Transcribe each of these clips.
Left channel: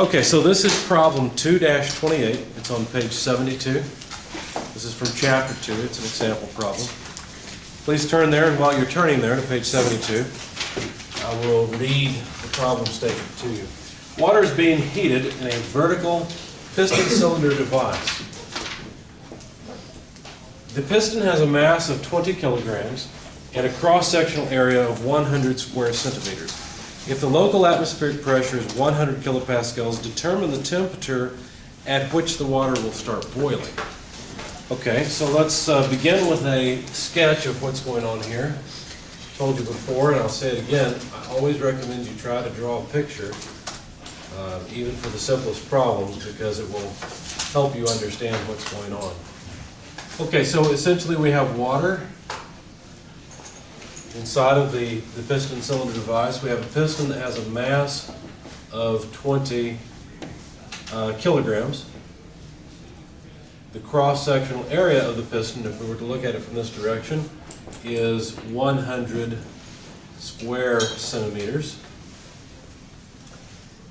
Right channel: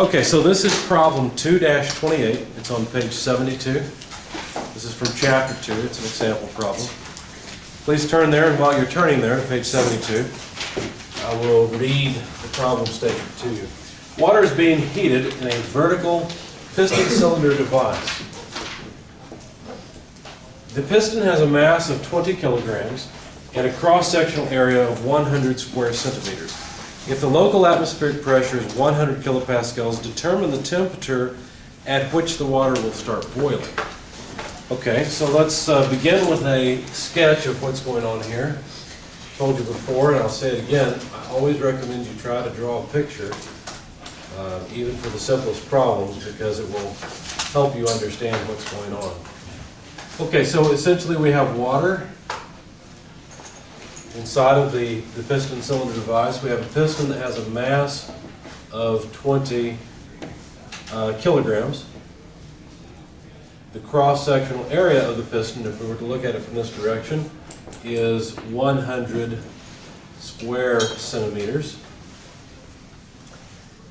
Okay, so this is problem 2-28. It's on page 72. This is from chapter 2. It's an example problem. Please turn there, and while you're turning there to page 72, I will read the problem statement to you. Water is being heated in a vertical piston cylinder device. The piston has a mass of 20 kilograms and a cross-sectional area of 100 square centimeters. If the local atmospheric pressure is 100 kilopascals, determine the temperature at which the water will start boiling. Okay, so let's begin with a sketch of what's going on here. Told you before, and I'll say it again, I always recommend you try to draw a picture, even for the simplest problems, because it will help you understand what's going on. Okay, so essentially we have water inside of the piston cylinder device. We have a piston that has a mass of 20 kilograms. The cross-sectional area of the piston, if we were to look at it from this direction, is 100 square centimeters.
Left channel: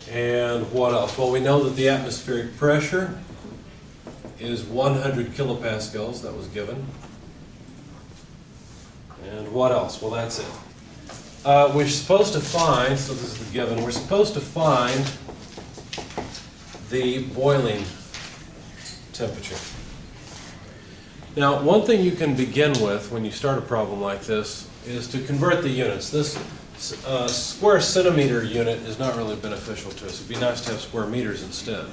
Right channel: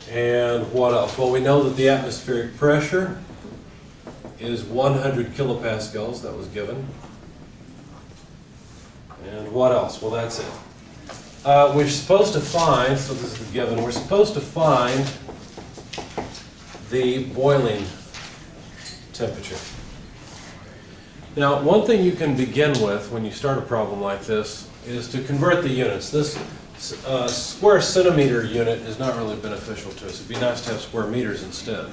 And what else? Well, we know that the atmospheric pressure is 100 kilopascals. That was given. And what else? Well, that's it. We're supposed to find, so this is the given, we're supposed to find the boiling temperature. Now, one thing you can begin with when you start a problem like this is to convert the units. This square centimeter unit is not really beneficial to us. It'd be nice to have square meters instead.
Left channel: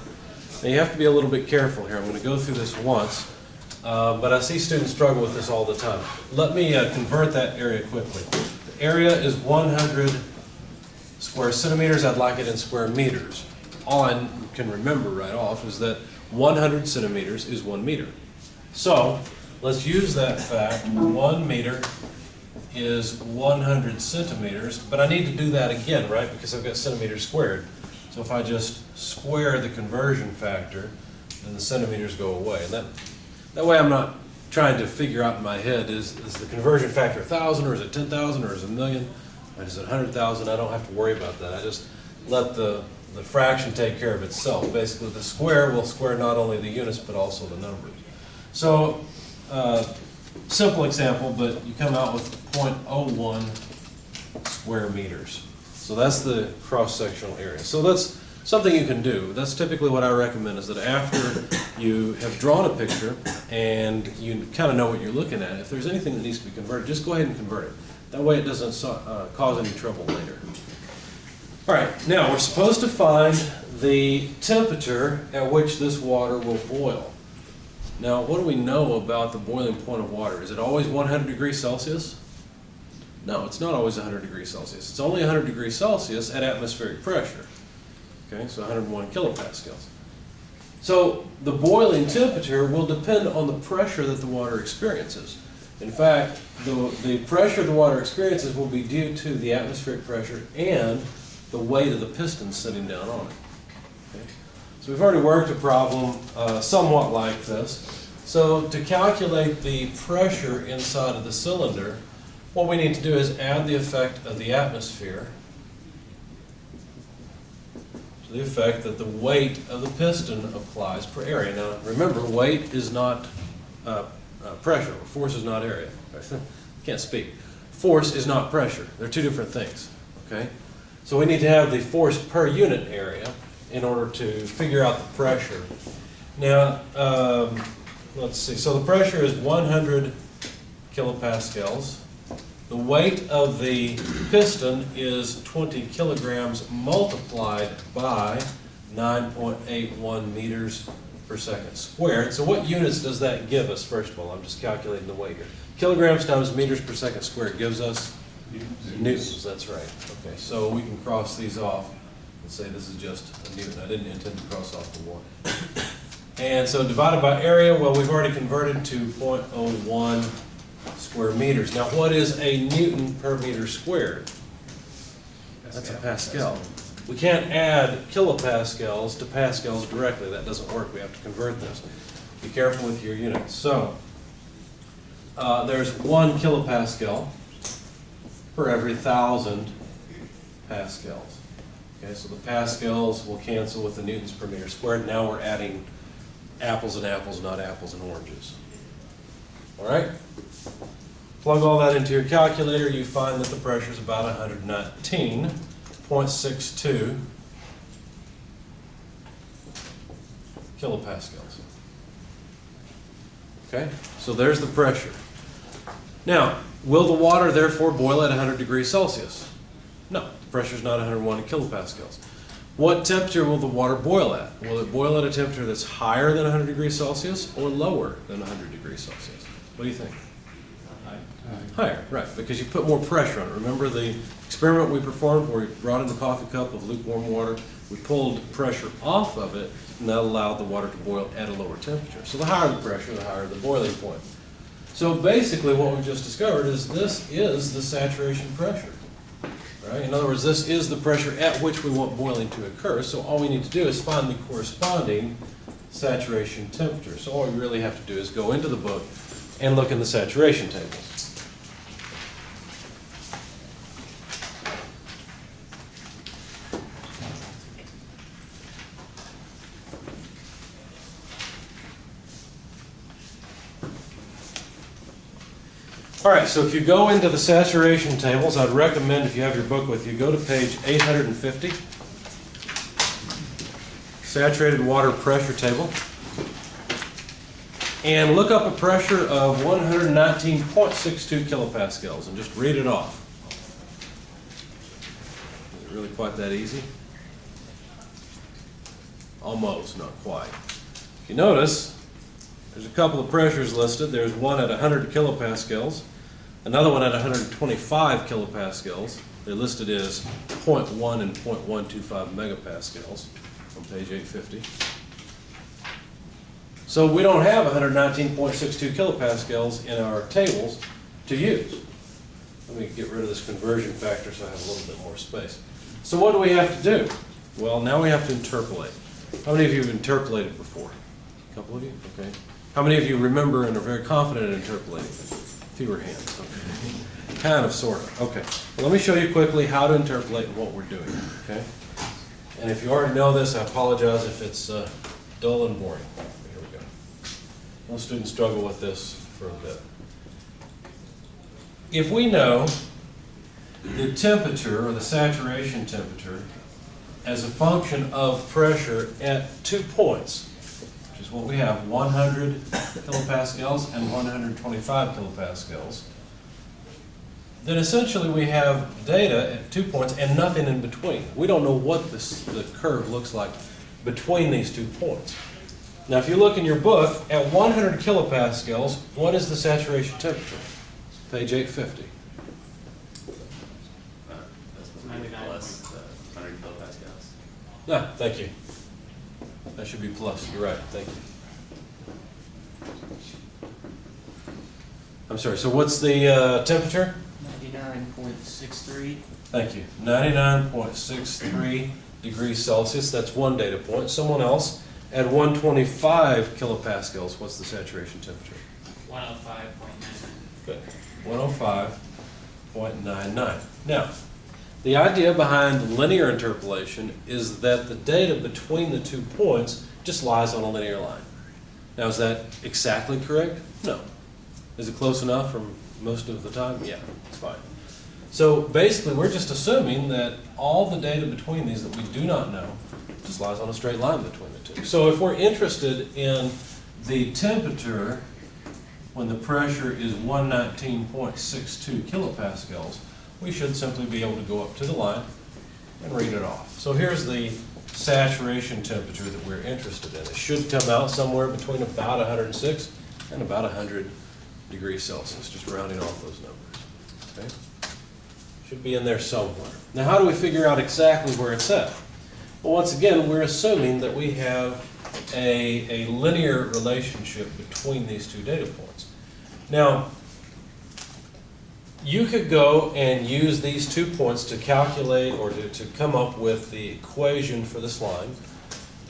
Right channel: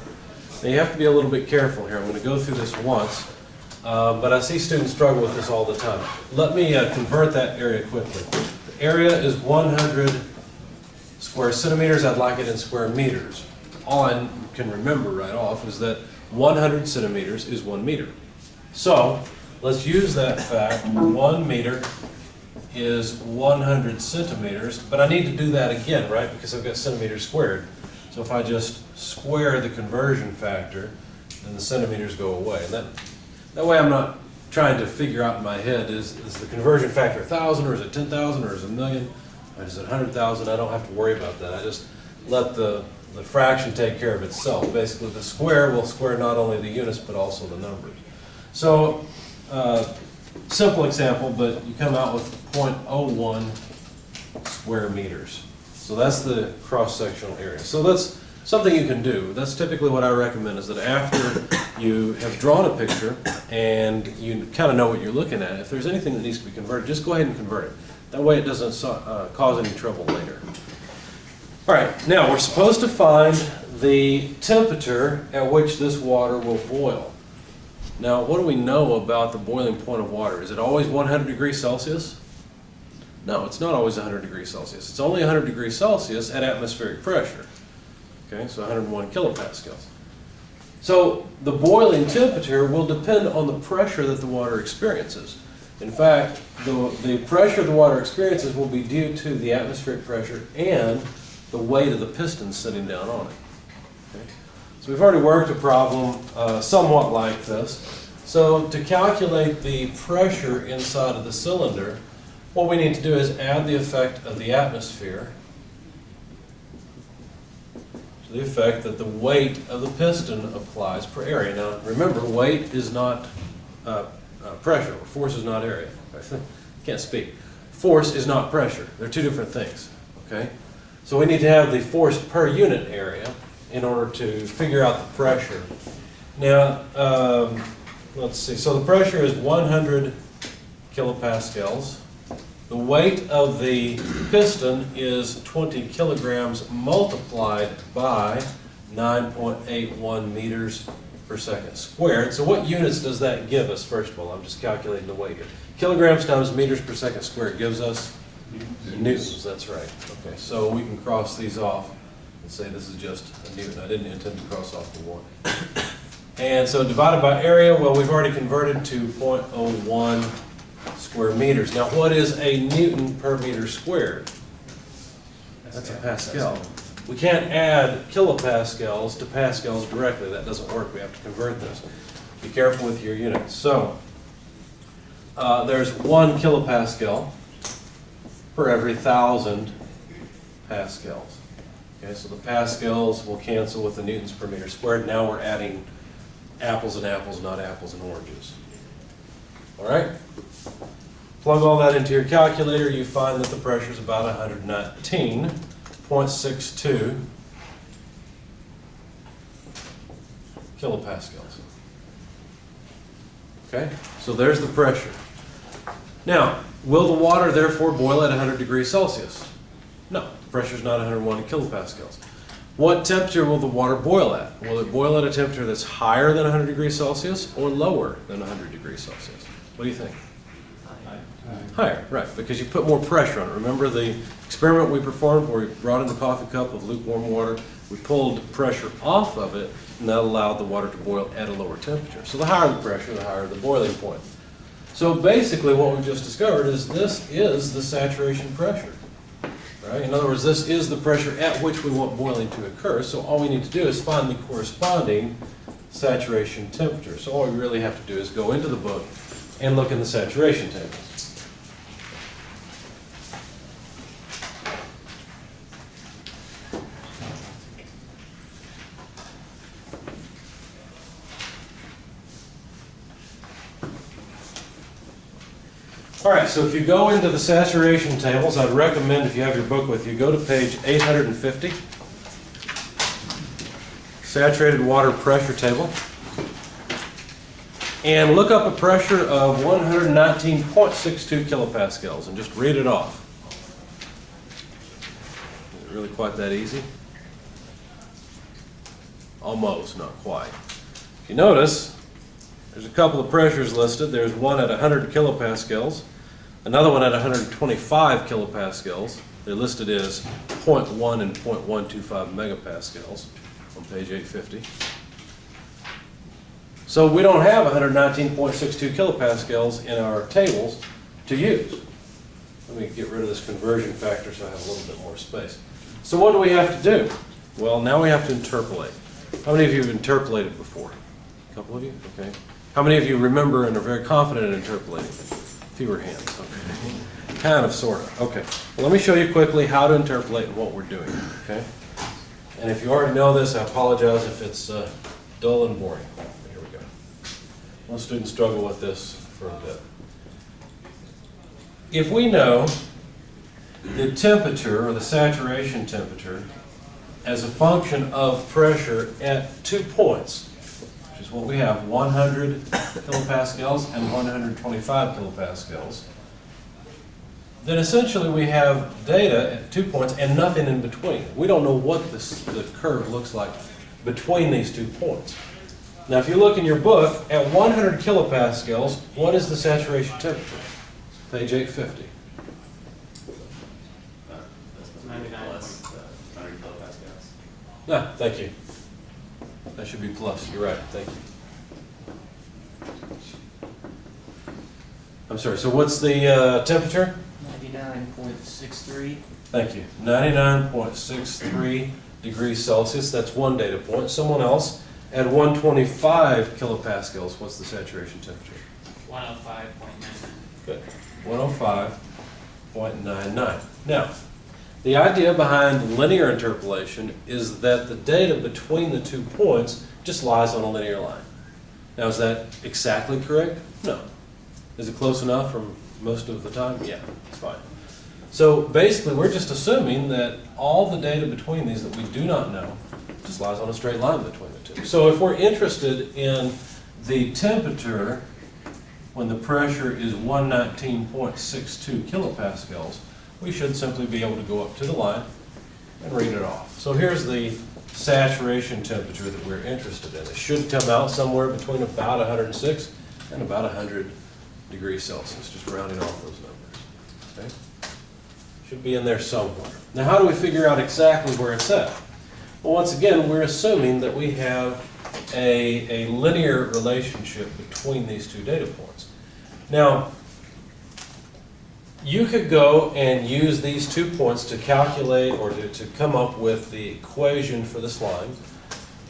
Now, you have to be a little bit careful here. I'm going to go through this once. But I see students struggle with this all the time. Let me convert that area quickly. The area is 100 square centimeters. I'd like it in square meters. All I can remember right off is that 100 centimeters is 1 meter. So let's use that fact. 1 meter is 100 centimeters, but I need to do that again, right? Because I've got centimeters squared. So if I just square the conversion factor, then the centimeters go away. And that way I'm not trying to figure out in my head, is the conversion factor 1,000, or is it 10,000, or is it 1,000,000, or is it 100,000? I don't have to worry about that. I just let the fraction take care of itself. Basically, the square will square not only the units, but also the numbers. So, simple example, but you come out with 0.01 square meters. So that's the cross-sectional area. So that's something you can do. That's typically what I recommend, is that after you have drawn a picture and you kind of know what you're looking at, if there's anything that needs to be converted, just go ahead and convert it. That way it doesn't cause any trouble later. All right, now we're supposed to find the temperature at which this water will boil. Now, what do we know about the boiling point of water? Is it always 100 degrees Celsius? No, it's not always 100 degrees Celsius. It's only 100 degrees Celsius at atmospheric pressure. Okay, so 101 kilopascals. So the boiling temperature will depend on the pressure that the water experiences. In fact, the pressure the water experiences will be due to the atmospheric pressure and the weight of the piston sitting down on it. Okay? So we've already worked a problem somewhat like this. So to calculate the pressure inside of the cylinder, what we need to do is add the effect of the atmosphere to the effect that the weight of the piston applies per area. Now remember, weight is not pressure, or force is not area. Can't speak. Force is not pressure. They're two different things. Okay? So we need to have the force per unit area in order to figure out the pressure. Now, let's see. So the pressure is 100 kilopascals. The weight of the piston is 20 kilograms multiplied by 9.81 meters per second squared. So what units does that give us, first of all? I'm just calculating the weight here. Kilograms times meters per second squared gives us newtons. That's right. Okay, so we can cross these off and say this is just a newton. I didn't intend to cross off the 1. And so divided by area, well, we've already converted to 0.01 square meters. Now, what is a newton per meter squared? That's a pascal. We can't add kilopascals to pascals directly. That doesn't work. We have to convert this. Be careful with your units. So, there's 1 kilopascal per every 1,000 pascals. Okay, so the pascals will cancel with the newtons per meter squared. Now we're adding apples and apples, not apples and oranges. All right? Plug all that into your calculator, you find that the pressure is about 119.62 kilopascals. Okay, so there's the pressure. Now, will the water therefore boil at 100 degrees Celsius? No, the pressure is not 101 kilopascals. What temperature will the water boil at? Will it boil at a temperature that's higher than 100 degrees Celsius or lower than 100 degrees Celsius? What do you think? Higher, right, because you put more pressure on it. Remember the experiment we performed where we brought in the coffee cup of lukewarm water, we pulled pressure off of it, and that allowed the water to boil at a lower temperature. So the higher the pressure, the higher the boiling point. So basically what we've just discovered is this is the saturation pressure. Right? In other words, this is the pressure at which we want boiling to occur, so all we need to do is find the corresponding saturation temperature. So all we really have to do is go into the book and look in the saturation tables. All right, so if you go into the saturation tables, I'd recommend, if you have your book with you, go to page 850, saturated water pressure table, and look up a pressure of 119.62 kilopascals and just read it off. Is it really quite that easy? Almost, not quite. If you notice, there's a couple of pressures listed. There's one at 100 kilopascals, another one at 125 kilopascals. They're listed as 0.1 and 0.125 megapascals on page 850. So we don't have 119.62 kilopascals in our tables to use. Let me get rid of this conversion factor so I have a little bit more space. So what do we have to do? Well, now we have to interpolate. How many of you have interpolated before? A couple of you? Okay. How many of you remember and are very confident in interpolating? Fewer hands. Okay. Kind of, sort of. Okay. Well, let me show you quickly how to interpolate and what we're doing. Okay. And if you already know this, I apologize if it's dull and boring. Here we go. Most students struggle with this for a bit. If we know the temperature or the saturation temperature as a function of pressure at 2 points, which is what we have, 100 kilopascals and 125 kilopascals, then essentially we have data at 2 points and nothing in between. We don't know what the curve looks like between these 2 points. Now if you look in your book, at 100 kilopascals, what is the saturation temperature? Page 850. That's 99 plus 100 kilopascals. Ah, thank you. That should be plus. You're right. Thank you. I'm sorry. So what's the temperature? 99.63. Thank you. 99.63 degrees Celsius. That's one data point. Someone else at 125 kilopascals. What's the saturation temperature? 105.99. Good. 105.99. Now, the idea behind linear interpolation is that the data between the 2 points just lies on a linear line. Now, is that exactly correct? No. Is it close enough for most of the time? Yeah, it's fine. So basically, we're just assuming that all the data between these that we do not know just lies on a straight line between the two. So if we're interested in the temperature when the pressure is 119.62 kilopascals, we should simply be able to go up to the line and read it off. So here's the saturation temperature that we're interested in. It should come out somewhere between about 106 and about 100 degrees Celsius, just rounding off those numbers. Okay? Should be in there somewhere. Now how do we figure out exactly where it's at? Well, once again, we're assuming that we have a linear relationship between these two data points. Now, you could go and use these 2 points to calculate or to come up with the equation for this line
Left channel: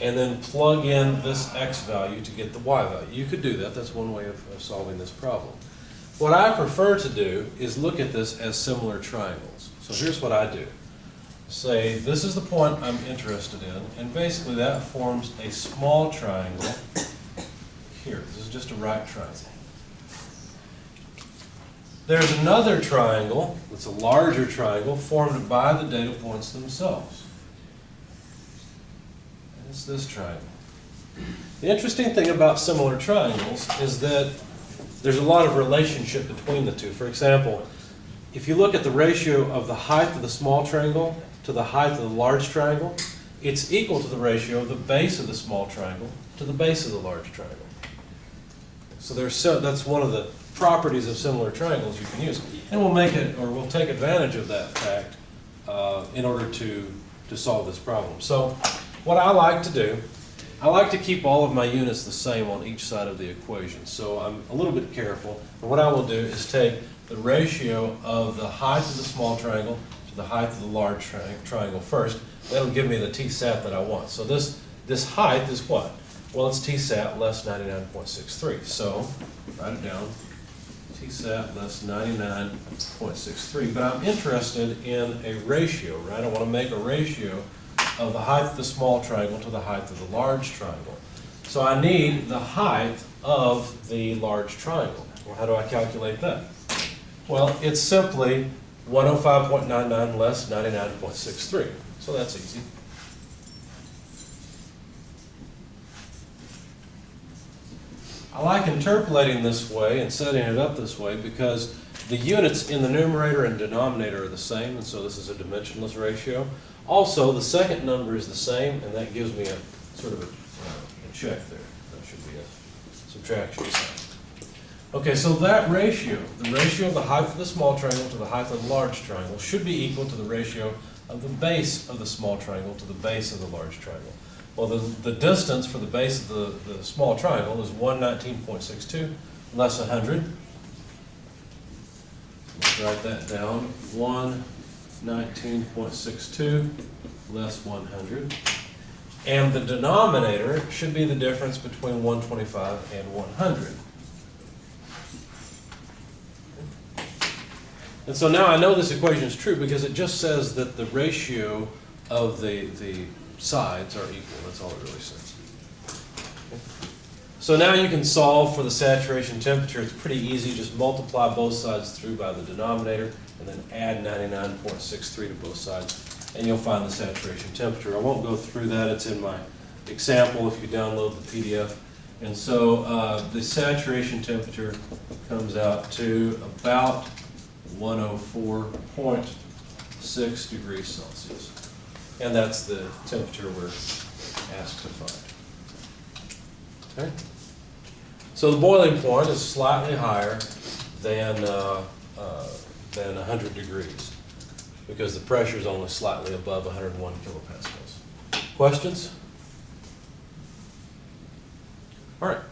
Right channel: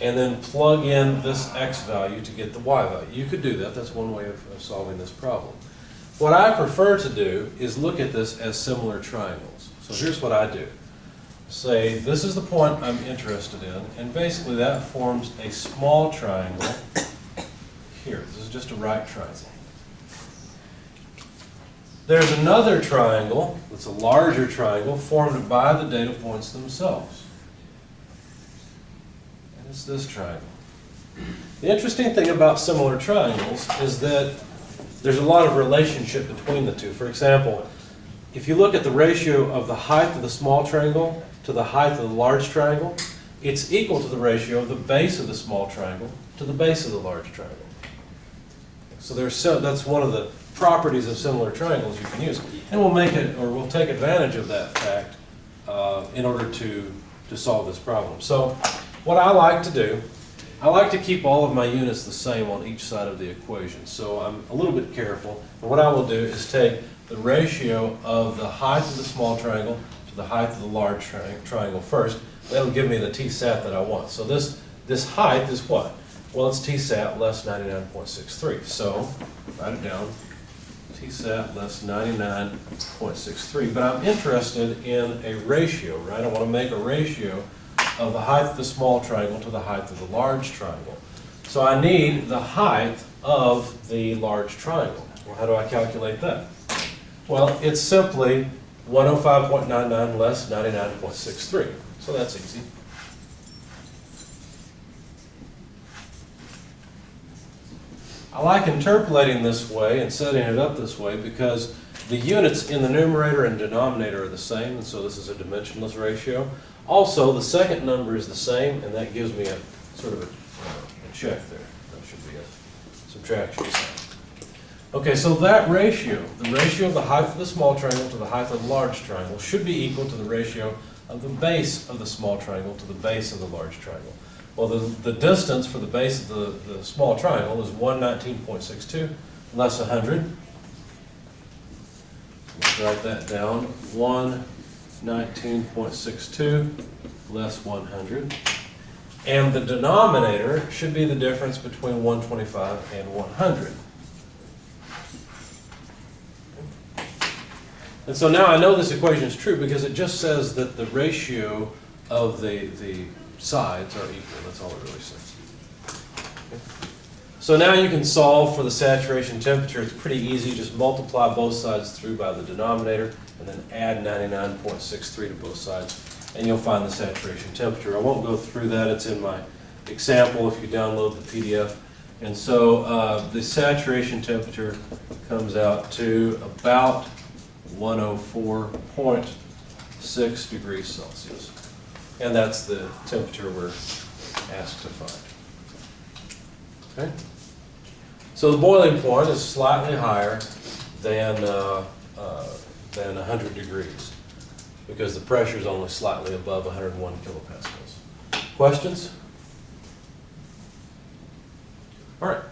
and then plug in this x value to get the y value. You could do that. That's one way of solving this problem. What I prefer to do is look at this as similar triangles. So here's what I do. say this is the point I'm interested in, and basically that forms a small triangle here. This is just a right triangle. There's another triangle that's a larger triangle formed by the data points themselves. And it's this triangle. The interesting thing about similar triangles is that there's a lot of relationship between the two. For example, if you look at the ratio of the height of the small triangle to the height of the large triangle, it's equal to the ratio of the base of the small triangle to the base of the large triangle. So that's one of the properties of similar triangles you can use. And we'll take advantage of that fact in order to solve this problem. So what I like to do, I like to keep all of my units the same on each side of the equation. So I'm a little bit careful. And what I will do is take the ratio of the height of the small triangle to the height of the large triangle first. That'll give me the TSAT that I want. So this height is what? Well, it's TSAT less 99.63. So write it down. TSAT less 99.63. But I'm interested in a ratio, right? I want to make a ratio of the height of the small triangle to the height of the large triangle. So I need the height of the large triangle. Well, how do I calculate that? Well, it's simply 105.99 less 99.63. So that's easy. I like interpolating this way and setting it up this way because the units in the numerator and denominator are the same, and so this is a dimensionless ratio. Also, the second number is the same, and that gives me a sort of a check there. That should be a subtraction sign. Okay, so that ratio, the ratio of the height of the small triangle to the height of the large triangle, should be equal to the ratio of the base of the small triangle to the base of the large triangle. Well, the distance for the base of the small triangle is 119.62 less 100. Let's write that down. 119.62 less 100. And the denominator should be the difference between 125 and 100. And so now I know this equation is true because it just says that the ratio of the sides are equal. That's all it really says. Okay. So now you can solve for the saturation temperature. It's pretty easy. Just multiply both sides through by the denominator and then add 99.63 to both sides, and you'll find the saturation temperature. I won't go through that. It's in my example if you download the PDF. And so the saturation temperature comes out to about 104.6 degrees Celsius. And that's the temperature we're asked to find. Okay? So the boiling point is slightly higher than 100 degrees because the pressure is only slightly above 101 kilopascals. Questions? All right.